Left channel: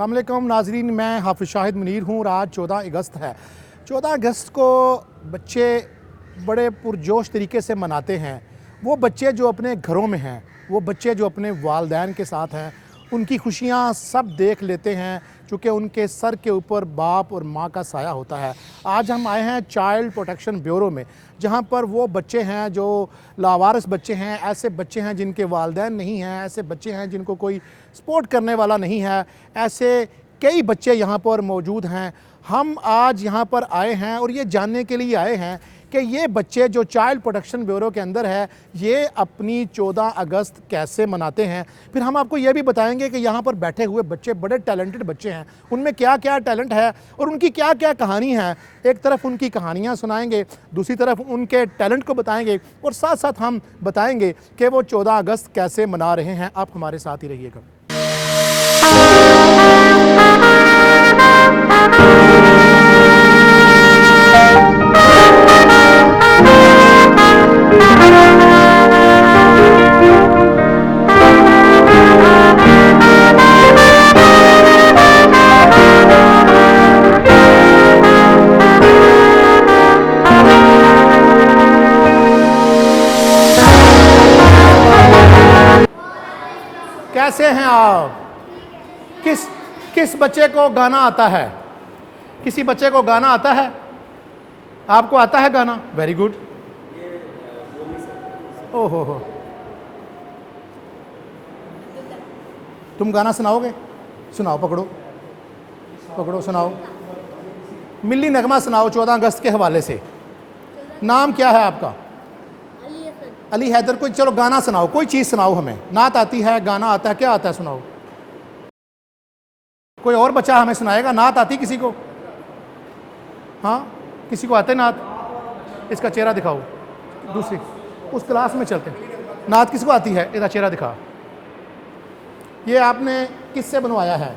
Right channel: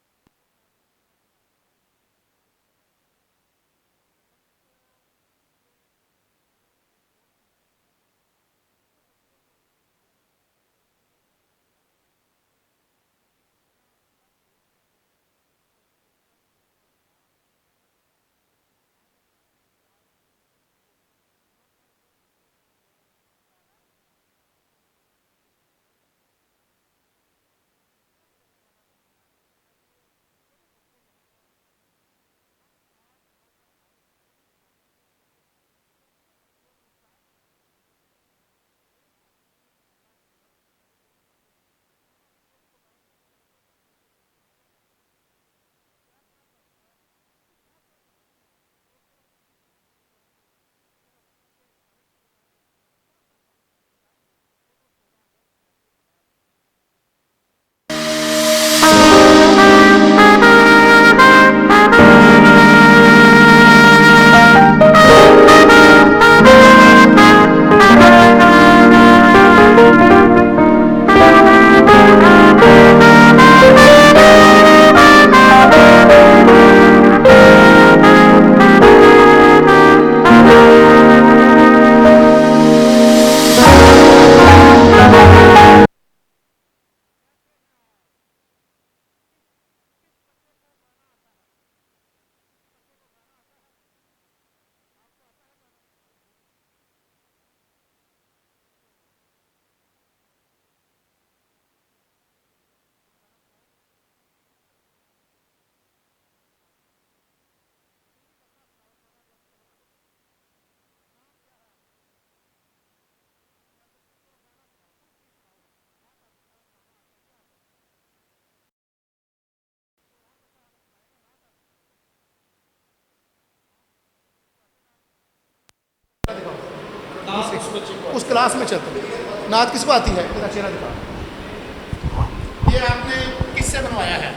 अस्सलाम वालेकुम नाजरीन, मैं हाफिज़ शाहिद मुनीर हूँ और आज 14 अगस्त है। 14 अगस्त को बच्चे बड़े पुरजोश तरीके से मनाते हैं। वो बच्चे जो अपने घरों में हैं, वो बच्चे जो अपने वालदैन के साथ हैं, उनकी खुशियाँ सब देख लेते हैं चूँकि उनके सर के ऊपर बाप और माँ का साया होता है। आज हम आए हैं चाइल्ड प्रोटेक्शन ब्यूरो में, जहाँ पर वो बच्चे हैं जो लावारिस बच्चे हैं, ऐसे बच्चे हैं जिनके वालिदैन नहीं हैं, ऐसे बच्चे हैं जिनको कोई सपोर्ट करने वाला नहीं है, ऐसे कई बच्चे यहाँ पर मौजूद हैं। हम आज यहाँ पर आए हैं और ये जानने के लिए आए हैं कि ये बच्चे जो चाइल्ड प्रोटेक्शन ब्यूरो के अंदर है, ये अपनी 14 अगस्त कैसे मनाते हैं। फिर हम आपको ये भी बताएंगे कि यहाँ पर बैठे हुए बच्चे बड़े टैलेंटेड बच्चे हैं, उनमें क्या क्या टैलेंट है और उनकी क्या क्या कहानी है। एक तरफ उनकी कहानियाँ सुनाएंगे, दूसरी तरफ उनके टैलेंट को बताएंगे और साथ साथ हम बताएंगे कि वो 14 अगस्त कैसे मना रहे हैं। आप हमारे साथ ही रहिएगा। कैसे हैं आप? किस बच्चे को गाना आता है? किसी बच्चे को गाना आता है? आपको आता है गाना? Very good. ओहो हो, तुम गाना सुनाओगे? सुनाओ, पकड़ो पकड़ो, सुनाओ। मिल्ली नगमा सुनाओ 14 अगस्त के हवाले से। नाम क्या है आपका? अली हैदर। कोई चलो गाना सुनाओ, कोई चीज़ सुनाओ हमें। नात आती है, गाना आता है, क्या आता है? सुनाओ। कोई और बच्चा हमें सुनाएगा? नात आती किसी को? हाँ, किसी को आते नात? इसका चेहरा दिखाओ। दूसरी उस क्लास में चलते हैं। नात किसको आती है? इसका चेहरा दिखा। ये आपने किससे बनवाया है?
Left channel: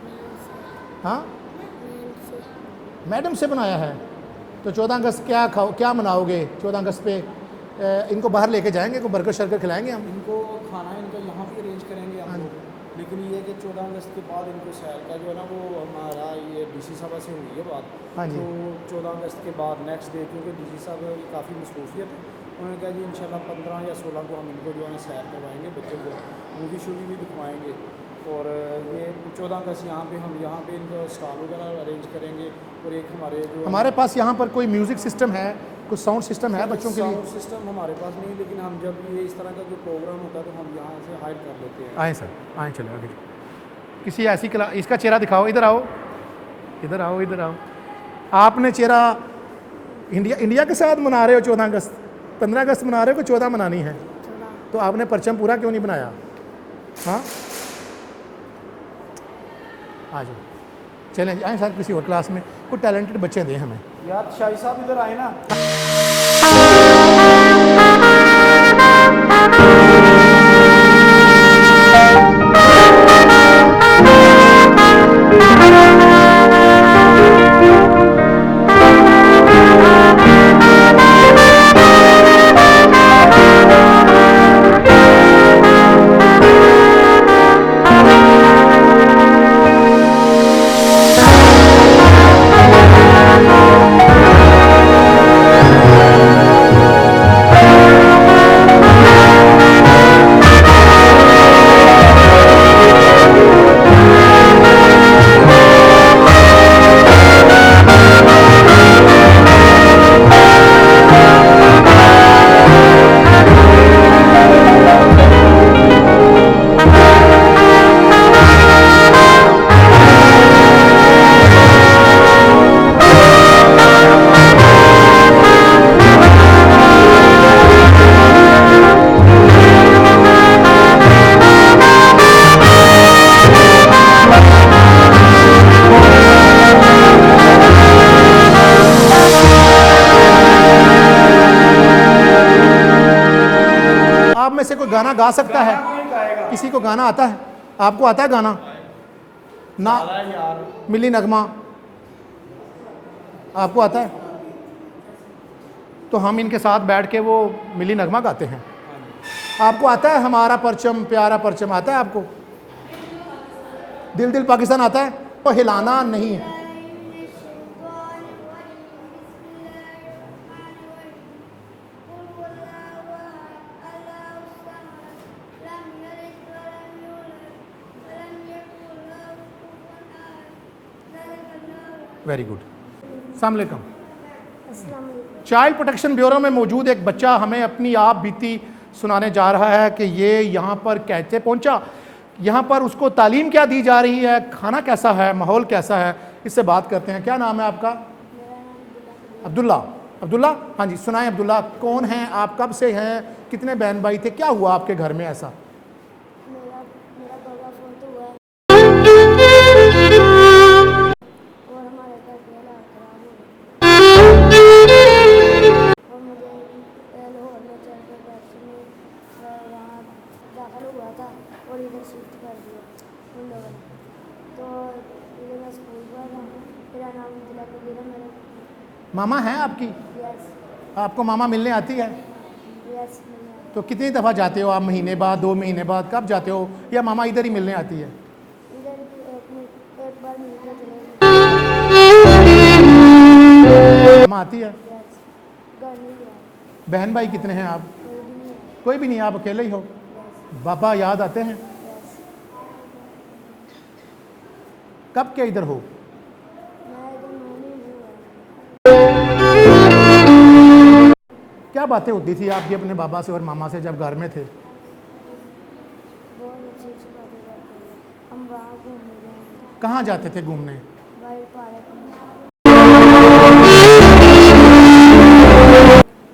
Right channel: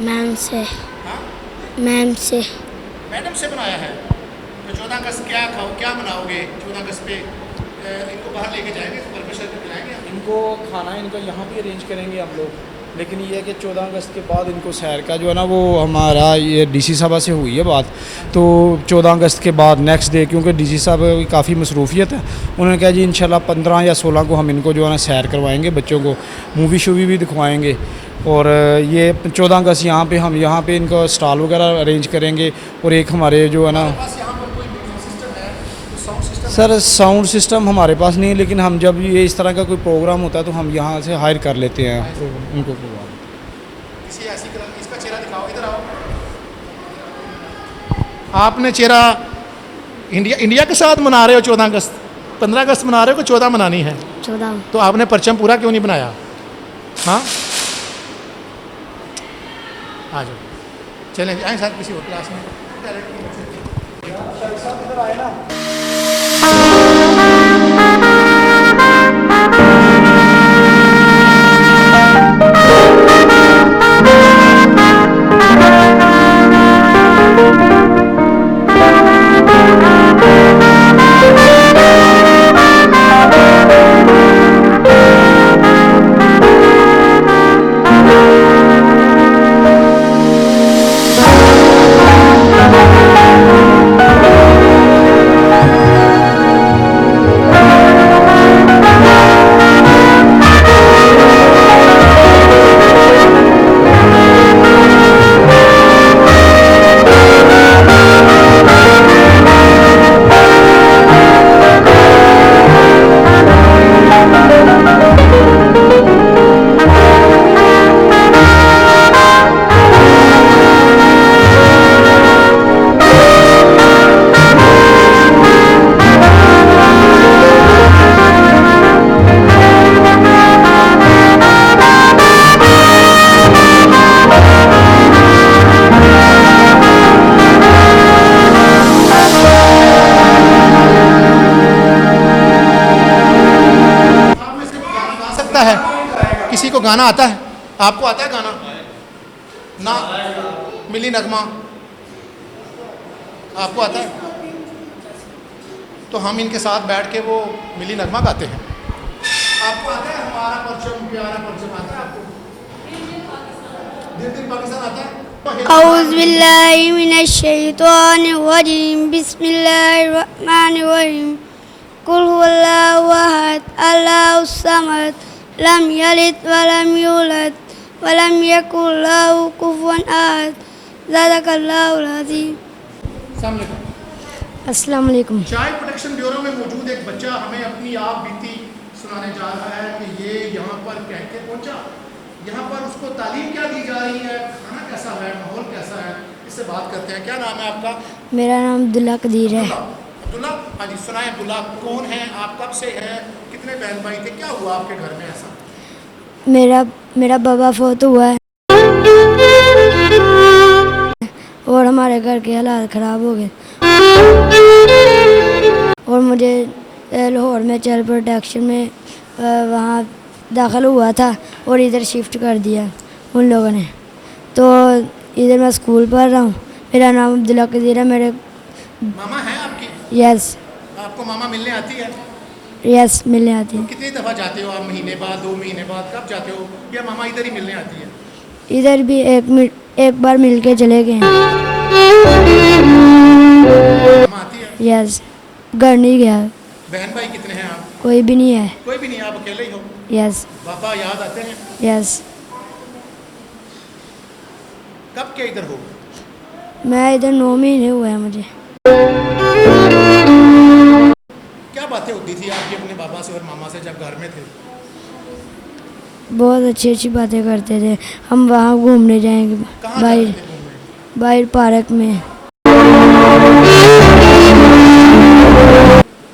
मैम से। हाँ, मैम से। मैडम से बनाया है। तो 14 अगस्त क्या मनाओगे 14 अगस्त पे? इनको बाहर लेके जाएंगे, इनको बर्गर शर्गर खिलाएंगे हम? इनको खाना इनका यहाँ भी अरेंज करेंगे हम लोग, लेकिन ये है कि 14 अगस्त के बाद इनको सैर का जो है ना, वो हमारा ये डीसी साहब से हुई है बात। तो 14 अगस्त के बाद नेक्स्ट डे, क्योंकि डीसी साहब की काफ़ी मसरूफियत है, उन्होंने कहा जी इंशाल्लाह 15 या 16 को हम इनको जो है ना सैर करवाएंगे, बच्चों को मूवी शूवी भी दिखवाएंगे। और ये 14 अगस्त यहाँ पे इनको स्टॉल वगैरह अरेंज करेंगे। और एक हमारे जो है ना, हमारे पास यहाँ पर कोई म्यूज़िक सिस्टम है, कोई साउंड सिस्टम है? सर साउंड सिस्टम हमारे पास नहीं है, लेकिन हम जब ये इस तरह का कोई प्रोग्राम होता है तो हम यहाँ से हायर कर लेते हैं उनको। किसी ऐसी इसका चेहरा दिखाओ। इधर आओ, इधर आओ, इधर आओ। आपने चेहरा इंडिया के साथ मना रहे हो 14 अगस्त? 15 अगस्त मना रहे हो कि 14 मनानी है? 14। तो आपने परचम पूरा क्यों नहीं बनाया? हाँ, आ जाओ, चलें आए साथ किसी और क्लास में। कुछ टैलेंट के बच्चे दें हमें। यार शाही साहब इधर आए ना। गा सकता है? किसी को गाना आता है? आपको आता है गाना? ना, मिली नगमा आपको आता है? तो हम इनके साथ बैठ के वो मिली नगमा गाते हैं। आपको आता है? हमारा परचम प्यारा परचम आता है आपको? दिल दिल पाकिस्तान आता है? औज़ुबिल्लाहिमिनश्शैतानिर्रजीम बिस्मिल्लाहिर्रहमानिर्रहीम कुल हुवल्लाहु अहद अल्लाहुस समद लम यलिद वलम यूलद वलम यकुल लहू कुफुवन अहद ज़ादकल्लाहुल अज़ीम। अस्सलाम वालेकुम। अस्सलाम वालेकुम। चाइल्ड प्रोटेक्शन ब्यूरो में मौजूद एक बच्चा हमें अपनी आप बीती सुनाने जा रहा है कि ये यहाँ पर कैसे पहुँचा, यहाँ पर उसको तालीम क्या दी जा रही है, खाना कैसा है, माहौल कैसा है, इससे बात करते हैं। क्या नाम है आपका? मेरा नाम अब्दुल्ला कदीर है। अब्दुल्ला। अब्दुल्ला, हाँ जी सुनाएं अब्दुल्ला, कौन हैं आप, कब से हैं, कितने बहन भाई थे, क्या हुआ आपके घर में ऐसा? मेरा बाबा फौत हुआ है और हमारे घर के हालात ख़राब हो गए और मुझे लाहौर में चाइल्ड प्रोटेक्शन में वहाँ दाखिल हुआ था और इधर शिफ्ट कर दिया उन लोगों ने। तो इधर मैं स्कूल पढ़ रहा हूँ। मेरा नाम अब्दुल्ला कदीर है। मेरे मामा हैं आपकी? यस आपको मामा मिलने आती है? यस मिलने आती तो है। कितनी दफ़ा जाते हो आप, महीने बाद, 2 महीने बाद, कब जाते हो, या मामा इधर ही मिलने आती है? इधर भी एक बार मिल के चले गए हैं। मामा आती है? यस घर नहीं गया। बहन भाई कितने हैं आप? कोई भी नहीं है। कोई भी नहीं, आप अकेले ही हो? यस पापा याद आते हैं? यस। कब के इधर हो? मैं इधर 9 महीने हुए हैं मुझे। क्या बातें होती थी आपकी अपने पापा से और मामा से जब घर में थे? बहुत अच्छी अच्छी बातें करते थे। हम वहाँ घूमने जाएंगे कहाँ जाते थे घूमने? बाहर पार्क में।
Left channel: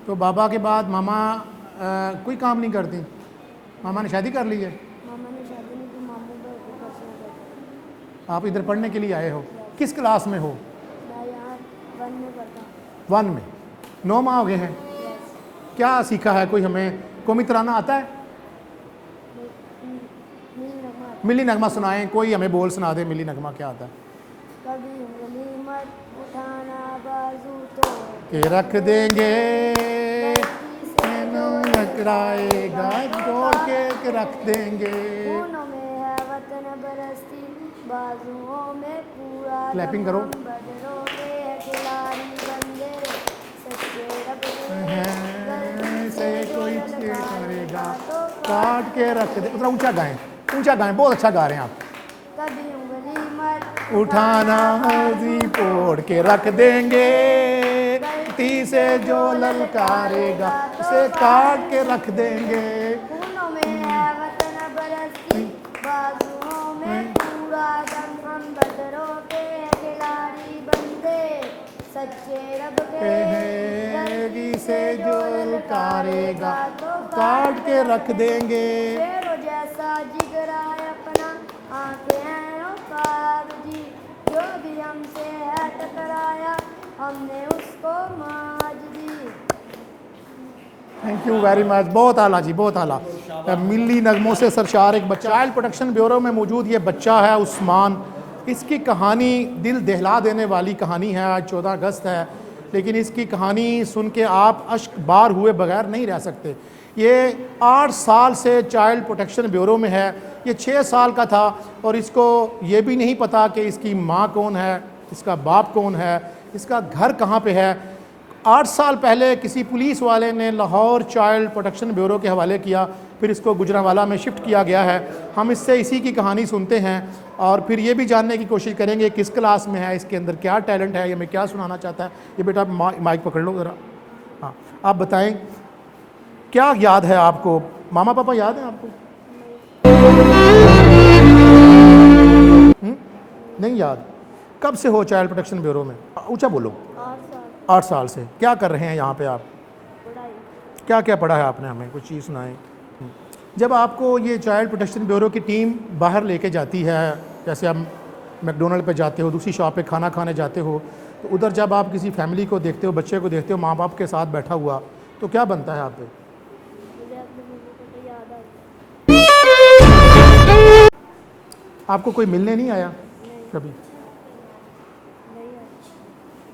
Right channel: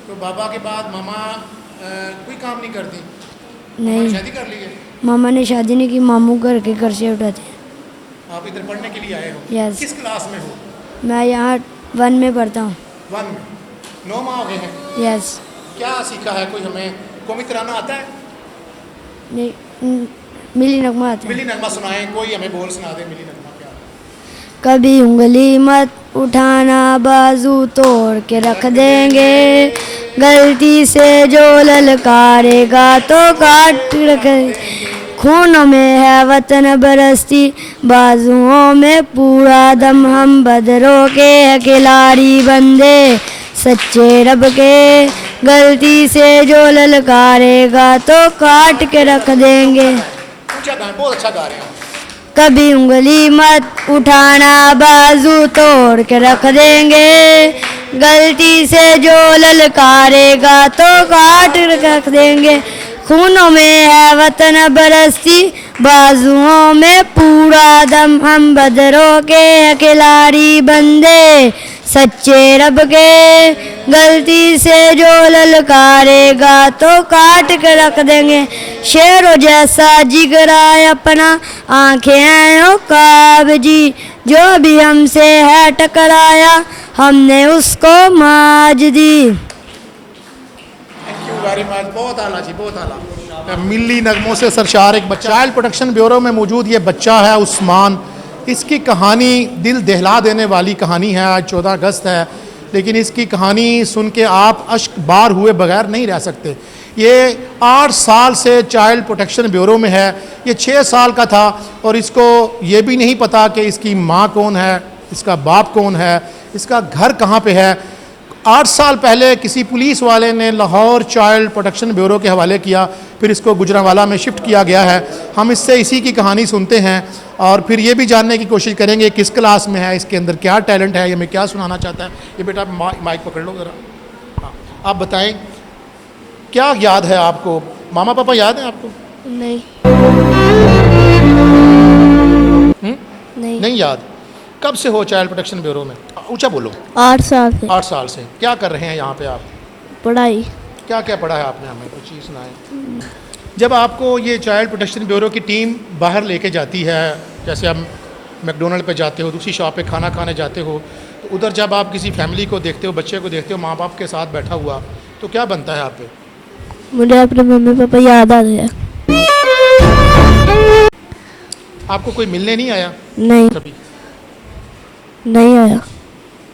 तो बाबा के बाद मामा कोई काम नहीं करती? मामा ने शादी कर ली है? मामा ने शादी नहीं की, मामू घर के खर्चे उठाते हैं। आप इधर पढ़ने के लिए आए हो? यस। किस क्लास में हो? मैं यहाँ 1 में पढ़ता हूँ। 1 में। 9 माह हो गए हैं। यस। क्या सीखा है, कोई हमें कौमी तराना आता है? नहीं मिली नगमा आता है। मिली नगमा सुनाएं, कोई हमें बोल सुना दे, मिली नगमा क्या आता है? कभी उंगली मत उठाना, बाजू तोड़ के रख देंगे, गलती से जो ललकारेगा तो काट रख। खूनों में है वतन बरसती, बाजुओं में पूरा दम, हम बदरों के खिलाड़ी बंदे सच्चे रब के, गलती से जो ललकारेगा तो काट के रख देंगे। ऊंचा गाएं, बहुत अच्छा गा रहे हैं आप। कभी उंगली मत उठाना, बाजू तोड़ के रख देंगे, गलती से जो ललकारेगा तो काट के रख देंगे। खूनों में है वतन बरसती, बाजुओं में पूरा दम, हम बदरों के खिलाड़ी बंदे सच्चे रब के, गलती से जो ललकारेगा तो काट के रख देंगे। शेरों जैसा जिगरा अपना, आंखें हैं ओ काबजी, जो भी हमसे है टकराया हमने उसको माज दी। थैंक यू वेरी मच, बहुत आला जी, बहुत आला। मिली नगमों से सरशार एक बच्चा। चाइल्ड प्रोटेक्शन ब्यूरो में मौजूद ये बच्चा है उस्मान। इसकी कहानी दिल दहला देने वाली कहानी है। आज 14 अगस्त है, लेकिन इसकी कहानी सुन के आप अश्क बार हुए बगैर नहीं रह सकते। ये 8 साल से चाइल्ड प्रोटेक्शन ब्यूरो में है। ये 6 साल का था और इसको ये भी नहीं पता कि इसकी माँ कौन है, इसका बाप कौन है, इसका घर कहाँ पे है। 8 साल पहले किसी पुलिस वाले ने लाहौर चाइल्ड प्रोटेक्शन ब्यूरो के हवाले किया, फिर इसको गुजरांवाला में शिफ्ट किया गया है। हम इससे इसी की कहानी सुनते हैं और फिर ये भी जानने की कोशिश करेंगे किस क्लास में है, इसके अंदर क्या टैलेंट है, ये हमें क्या सुनाना चाहता है। ये बेटा माइक पकड़ लो ज़रा। हाँ, आप बताएं क्या याद है आपको? मामा पापा याद है आपको? नहीं नहीं याद। कब से हो चाइल्ड प्रोटेक्शन ब्यूरो में? ऊंचा बोलो। 8 साल से। 8 साल से। क्या कर रहे हैं यहाँ पे आप? पढ़ाई। क्या क्या पढ़ा है आपने? हमें कुछ चीज़ सुनाएं। जब आपको ये चाइल्ड प्रोटेक्शन ब्यूरो की टीम बाहर लेके जाती है, जैसे आप मैकडोनल्ड पे जाते हो, दूसरी शॉप पे खाना खाने जाते हो, तो उधर जब आप किसी फैमिली को देखते हो, बच्चे को देखते हो माँ बाप के साथ बैठा हुआ, तो क्या बनता है आप पे? मुझे अपने मम्मी पापा याद आ गया। आपको कोई मिलने नहीं आया नहीं कभी? नहीं आया।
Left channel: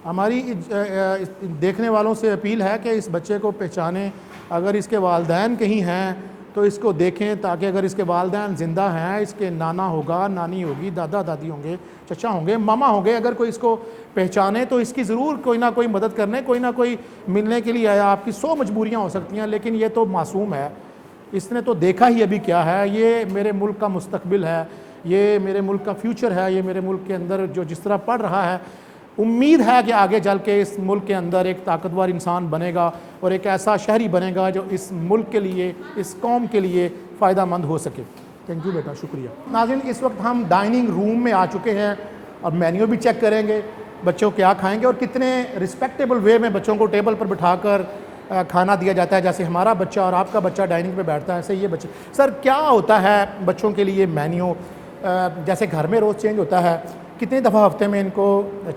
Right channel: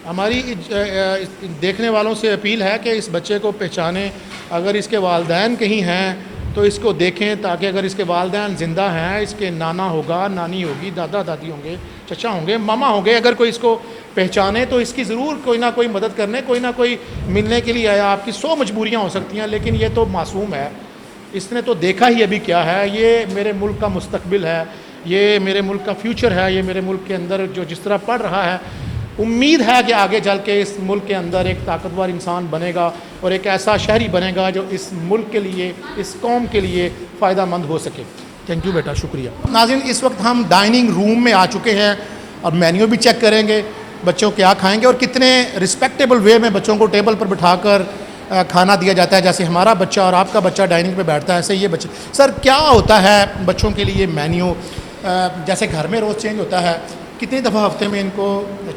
हमारी देखने वालों से अपील है कि इस बच्चे को पहचाने। अगर इसके वालदैन कहीं हैं तो इसको देखें ताकि अगर इसके वालिदैन ज़िंदा हैं, इसके नाना होगा, नानी होगी, दादा दादी होंगे, चचा होंगे, मामा होंगे, अगर कोई इसको पहचाने तो इसकी ज़रूर कोई ना कोई मदद करने, कोई ना कोई मिलने के लिए आया। आपकी 100 मजबूरियाँ हो सकती हैं, लेकिन ये तो मासूम है, इसने तो देखा ही अभी क्या है। ये मेरे मुल्क का मुस्तकबिल है, ये मेरे मुल्क का फ्यूचर है, ये मेरे मुल्क के अंदर जो जिस तरह पढ़ रहा है, उम्मीद है कि आगे चल के इस मुल्क के अंदर एक ताकतवर इंसान बनेगा और एक ऐसा शहरी बनेगा जो इस मुल्क के लिए, इस कौम के लिए फ़ायदा मंद हो सके। थैंक यू बेटा, शुक्रिया। नाज़रीन, इस वक्त हम डाइनिंग रूम में आ चुके हैं और मेन्यू भी चेक करेंगे, बच्चों क्या खाएंगे और कितने रिस्पेक्टेबल वे में बच्चों को टेबल पर बिठाकर खाना दिया जाता है। जैसे हमारा बच्चा और आपका बच्चा डाइनिंग पे बैठता है, ऐसे ये बच्चे। सर, क्या होता है बच्चों के लिए मेन्यू? जैसे घर में रोज़ चेंज होता है, कितनी दफ़ा हफ्ते में इनको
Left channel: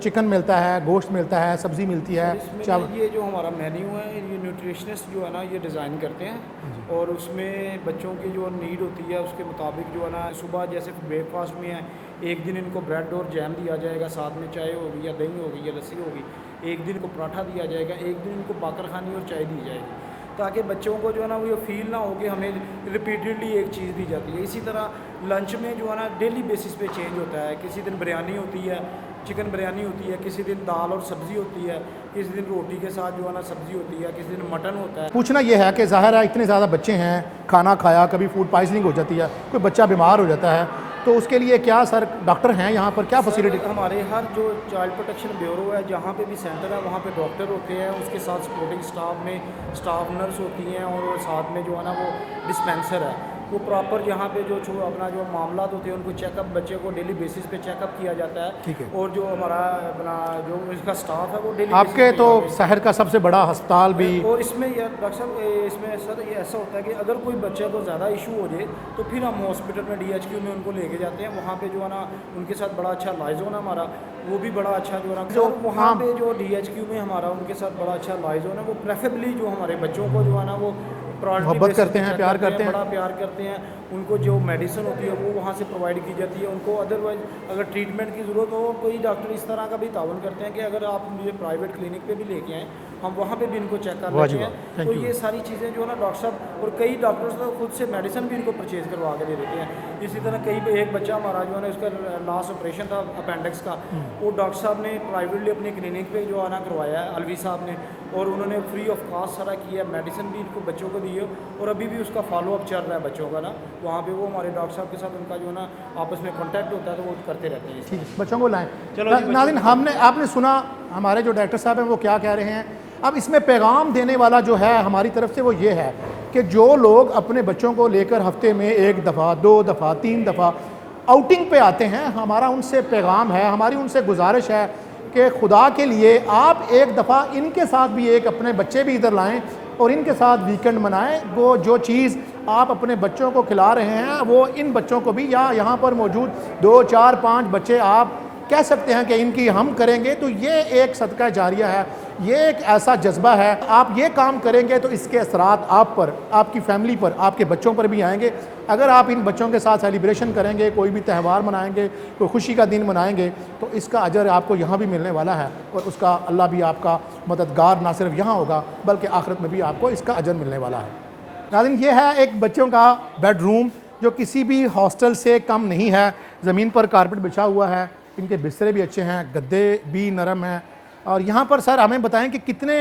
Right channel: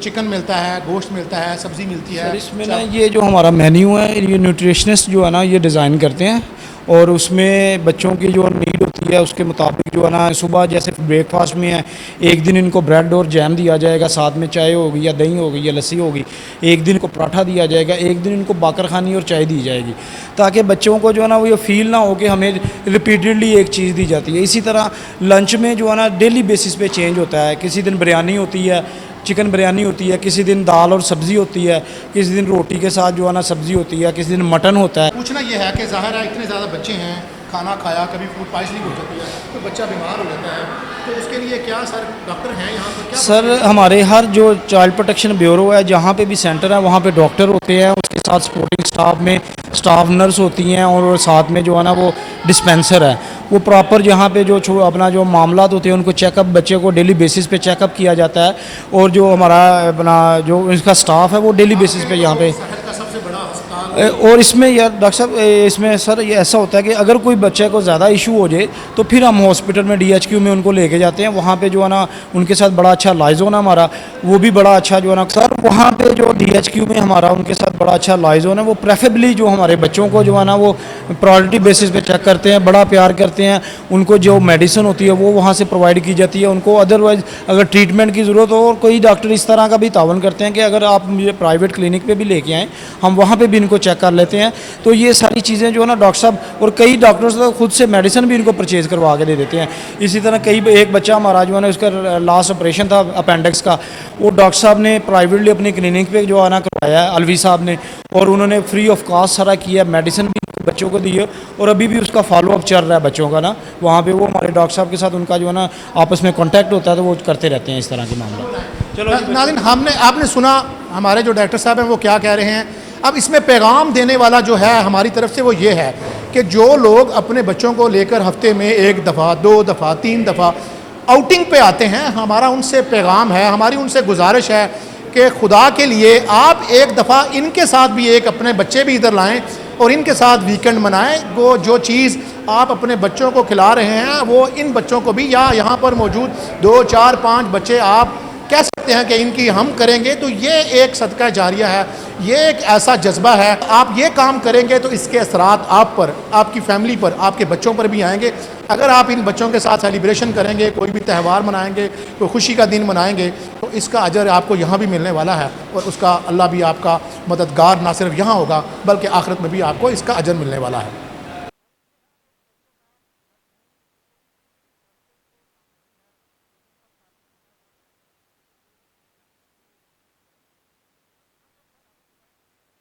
चिकन मिलता है, गोश्त मिलता है, सब्ज़ी मिलती है? इसमें ना ये जो हमारा मेन्यू है, ये न्यूट्रिशनिस्ट जो है ना ये डिज़ाइन करते हैं और उसमें बच्चों की जो नीड होती है उसके मुताबिक जो है ना, सुबह जैसे ब्रेकफास्ट में है, एक दिन इनको ब्रेड और जैम दिया जाएगा, साथ में चाय होगी या दही होगी या लस्सी होगी, एक दिन को पराठा दिया जाएगा, एक दिन इनको बाकर खानी और चाय दी जाएगी, ताकि बच्चों को जो है ना वो ये फील ना हो कि हमें रिपीटेडली एक चीज़ दी जाती है। इसी तरह लंच में जो है ना डेली बेसिस पे चेंज होता है, किसी दिन बिरयानी होती है, चिकन बिरयानी होती है, किसी दिन दाल और सब्ज़ी होती है, किसी दिन रोटी के साथ जो है ना सब्ज़ी होती है, किसी दिन मटन होता है। पूछना यह है कि ज़ाहिर है इतने ज़्यादा बच्चे हैं, खाना खाया, कभी फूड पॉइजनिंग हो जाती है, कोई बच्चा बीमार हो जाता है, तो उसके लिए क्या सर डॉक्टर हैं यहाँ पर? क्या सर, हमारे हर जो चाइल्ड प्रोटेक्शन ब्यूरो है, जहाँ पे भी सेंटर है वहाँ पे डॉक्टर होते हैं, उसके साथ सपोर्टिंग स्टाफ में स्टाफ नर्स होती हैं और साथ में जो है ना वो डिस्पेंसर है, वो प्रॉपर जहाँ पे जो अपना जो मामलात होते हैं उनको चेकअप, बच्चे को डेली बेसिस पे चेकअप किया जाता है और जो हमारा अपना जो इसका स्टाफ है वो डेली बेसिस पे यहाँ पे शहर का सबसे बड़ा अस्पताल। और इसमें यार डॉक्टर साहब, इसमें सर ये ऐसा होता है कि अगर कोई बच्चे को ज़्यादा इशू हो जाए तो फिर हम हॉस्पिटल में DHQ में उनको लेके जाते हैं, वहाँ पे जो है ना उनके साथ बड़ा अच्छा लाइजोन है हमारा, वो भी बड़ा अच्छा जो है ना सर, वहाँ पे जो DHQ में हमारा उनके साथ बड़ा अच्छा लाइजोन है, वो प्रेफरेबली जो हमारे बच्चों को जो है ना वो प्रायोरिटी बेसिस पे चेक करते हैं, बड़ा प्यार करते हैं, उनको जो मेडिसिन होती है वो वहाँ से प्रोवाइड की जाती है, उनको अदरवाइज़ अगर ट्रीटमेंट की ज़रूरत हो, और कोई डॉक्टर इस तरह का भी तावन करते हैं कि अगर आप मुझे प्राइवेट क्लिनिक पे भी लेके आएँ, हम वहाँ पे भी इनको चेक कर लेते हैं। तो ये सारी चीज़ें जो है ना डॉक्टर साहब, और कई डॉक्टर्स तो खुद से मेडिसिन भी इनको परचेज़ करवा के दे देते हैं। इसी तरह एक बच्चा हमारा जो है ना उसका लास्ट ऑपरेशन था अपेंडिक्स का, वो डॉक्टर साहब ने प्राइवेटली अपनी क्लिनिक पे जो है ना करवाया है, अलवी साहब ने, और उन्होंने फ्री ऑफ कॉस्ट सारा किया, मेडिसिन भी बच्चों को दी है और अभी भी उसका फॉलोअप चल रहा है बच्चों का ना, वहाँ पे वो हमारे डॉक्टर साहब के साथ उनका जो है ना आपस में कांटेक्ट होता है, तो वो करते रहते हैं इस तरह के मामले। चलो नाज़रीन, आपने सुना हमारे जो डॉक्टर साहब हैं वो क्या कह रहे हैं। अब इसमें पैगाम देने वाला जो है हमारी तरफ से वो ये है कि जो लोग अपने बच्चों को लेकर हफ्ते में 1 दफ़ा, 2 दफ़ा, 3 दफ़ा आउटिंग पे आते हैं, हमारा उनसे पैगाम है, हमारी उनसे गुजारिश है कि खुदा के लिए आप एक दफ़ा इनके साथ भी अपने बच्चे भी इधर लाएं और इनके साथ वीकेंड मनाएं। वो जो चीज़ आप अपने बच्चों को खिला रहे हैं वो इन बच्चों को भी, या यहाँ पर मौजूद 2, 4, 5 बच्चे आप कह सकते हैं कि इनकी हम करेंगे, तो ये एक सदका जारिया है, ये एक ऐसा जज्बा है। आप ये काम करेंगे तो इसके असरात आप पर, आपकी फैमिली पर, आपके बच्चों पर भी आएंगे। अगर आप इन बच्चों के साथ सेलिब्रेशन करेंगे, कोई भी त्यौहार मनाएंगे, कोई खुशी का दिन मनाएंगे, तो इसका अजर आपको यहाँ भी मिलने वाला है और उसका अल्लाह भी आपका मददगार ना सिर्फ यहाँ होगा बल्कि आखिरत में भी आपको इसका अजर मिलने वाला है। नाज़रीन, ये है एक बच्चों का बेडरूम जो किसी भी हॉस्टल से कम नहीं है। ज़मीन पर कारपेट बिछा हुआ है, इनके बिस्तरे भी अच्छे हैं, गद्दे भी नरम हैं। और यहाँ पर सर हमें बताएं कि कितने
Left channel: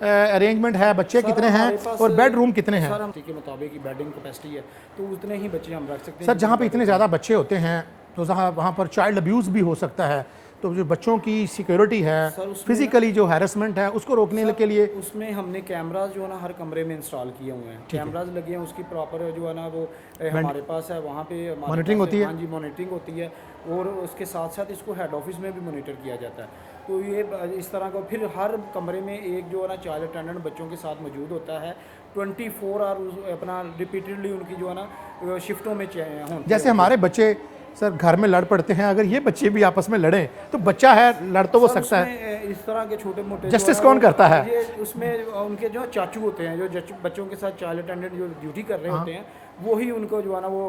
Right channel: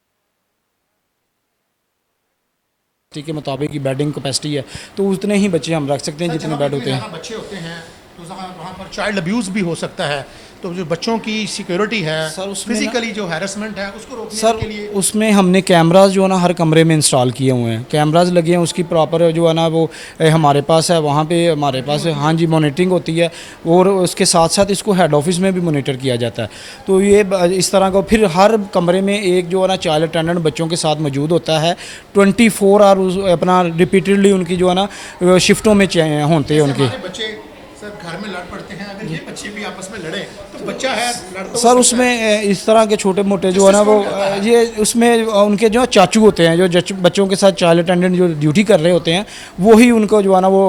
अरेंजमेंट है, बच्चे कितने हैं और बेडरूम कितने हैं? के मुताबिक की बेडिंग कैपेसिटी है, तो उतने ही बच्चे हम रख सकते हैं जितने बेड होते हैं। ज़्यादा बच्चे होते हैं तो वहाँ पर चाइल्ड अब्यूज़ भी हो सकता है, तो जो बच्चों की सिक्योरिटी है, फिजिकली जो हैरेसमेंट है, उसको रोकने के लिए उसमें हमने कैमराज जो है ना हर कमरे में इंस्टॉल किए हुए हैं, कैमराज लगे हैं, उसकी प्रॉपर जो है ना वो हमारे पास है, वहाँ पे हमारे पास है, हाँ जी, मॉनिटरिंग होती है और उसके साथ साथ इसको हेड ऑफिस में भी मॉनिटर किया जाता है। तो ये इस तरह का, फिर हर कमरे में एक जो है ना चाइल्ड अटेंडेंट बच्चों के साथ मौजूद होता है, 24 आवर अपना रिपीटेडली उनकी जो है ना शिफ्टों में होते हैं। हमारे बच्चे सर घर में लड़ पड़ते हैं, अगर ये बच्चे भी आपस में लड़ें तो बच्चा है लड़ तो सर उसमें इस तरह के छोटे मोटे जो है ना वो ये उसमें उनके जो चाचू होते हैं जो बच्चों के साथ चाइल्ड अटेंडेंट जो ड्यूटी कर रहे होते हैं, वही उनको जो है ना वो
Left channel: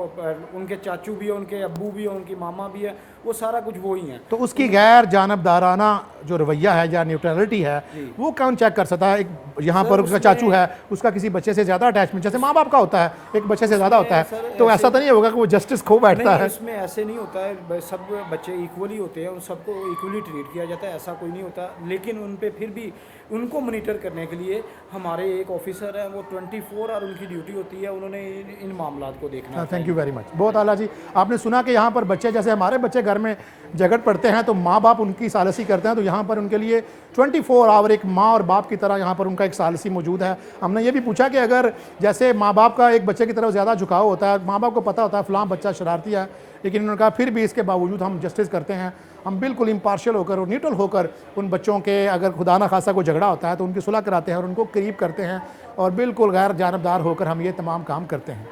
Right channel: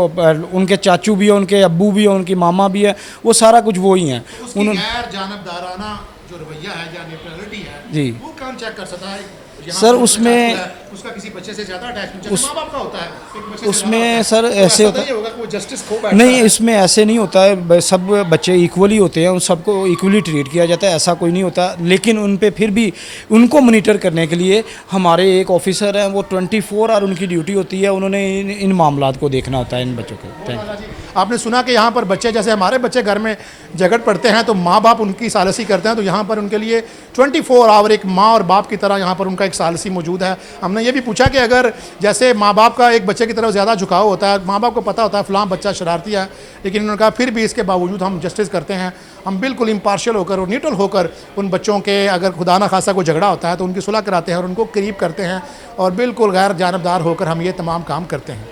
उनके चाचू भी है, उनके अब्बू भी है, उनकी मामा भी है, वो सारा कुछ वो ही है। तो उसकी गैर जानबदाराना जो रवैया है या न्यूट्रलिटी है जी। वो कौन चेक कर सकता है? यहाँ सर, पर उसका उसमें- चाचू है, उसका किसी बच्चे से ज़्यादा अटैचमेंट जैसे माँ बाप का होता है, एक बच्चे से ज़्यादा उसमें होता है, सर तो ऐसे ऐसा तो होता- नहीं होगा कि वो जस्टिस खो बैठता नहीं, है? इसमें ऐसे नहीं होता है, सब बच्चे इक्वली होते हैं, उन सबको इक्वली ट्रीट किया जाता है, ऐसा कोई नहीं होता। लेकिन उन पे फिर भी उनको मॉनिटर करने के लिए हमारे एक ऑफिसर हैं, वो 24 आवर उनकी ड्यूटी होती है, उन्होंने इन मामलात को देखना होता है इन बच्चों को। बहुत आला जी। आपने सुना कि यहाँ पर बच्चे जैसे हमारे बच्चे घर में झगड़ पड़ते हैं तो माँ बाप उनकी सालसी करते हैं, तो यहाँ पर उनके लिए 24 आवर एक माँ और बाप की तरह यहाँ पर उनका एक सालसी मौजूद है। हमने ये भी पूछा कि अगर जैसे माँ बाप का एक बच्चे की तरफ ज़्यादा झुकाव होता है, माँ बाप को पता होता है फ़लाँ बच्चा शरारती है, लेकिन उन्होंने कहा फिर भी इसके बावजूद हम जस्टिस करते हैं, हम बिल्कुल इम्पार्शियल होकर और न्यूट्रल होकर उन बच्चों के अगर खुदा ना खासा कोई झगड़ा होता है तो उनकी सुलह कराते हैं और उनको करीब करते हैं और बिल्कुल गैर जानबदार होकर हम ये तमाम काम करते हैं।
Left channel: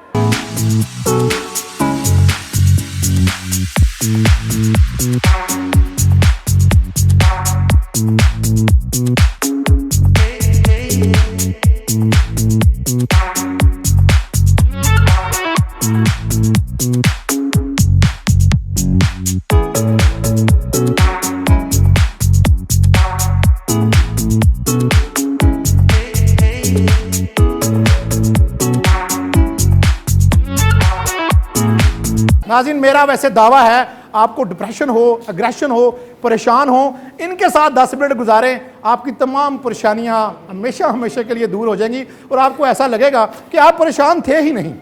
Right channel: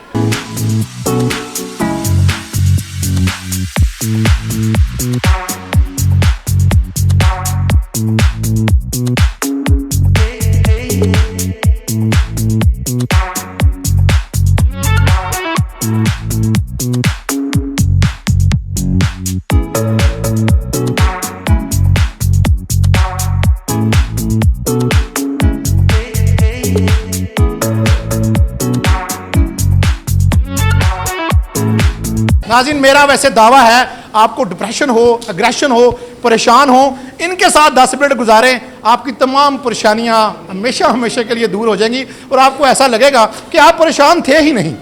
नाज़रीन, मेरा वैसे दावा है आपको डिप्रेशन हो, अग्रेशन हो, परेशान हो, इनके साथ 10 मिनट गुजारें, आपकी तमाम परेशानियां हमेशा हमेशा के लिए दूर हो जाएंगी और आपको ऐसा लगेगा कि आप परेशान थे ही नहीं।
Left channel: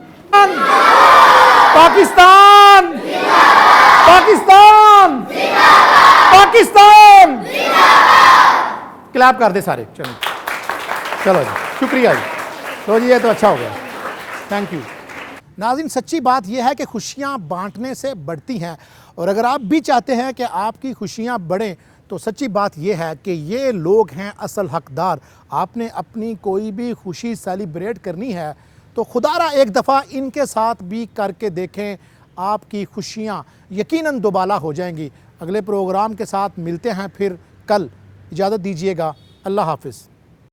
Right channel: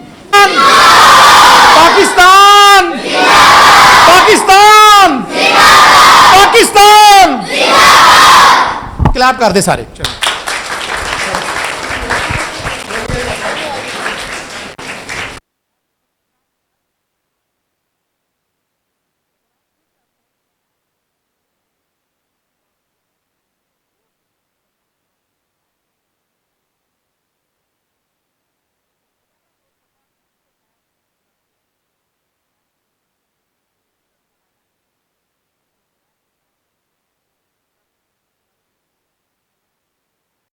पाकिस्तान पाकिस्तान पाकिस्तान क्लैप कर दे सारे। चलो चलो, शुक्रिया, बोलिए तो अच्छा होगा, थैंक यू। नाज़रीन, सच्ची बात यह है कि खुशियाँ बांटने से बढ़ती हैं और अगर आप भी चाहते हैं कि आपकी खुशियाँ बढ़ें तो सच्ची बात यह है कि ये लोग हैं असल हकदार। आपने अपनी कोई भी खुशी सेलिब्रेट करनी है तो खुदारा एक दफ़ा इनके साथ भी करके देखें, आपकी खुशियाँ यकीनन दोबाला हो जाएंगी। अगले प्रोग्राम के साथ मिलते हैं फिर कल, इजाज़त दीजिएगा, अल्लाह हाफ़िज़।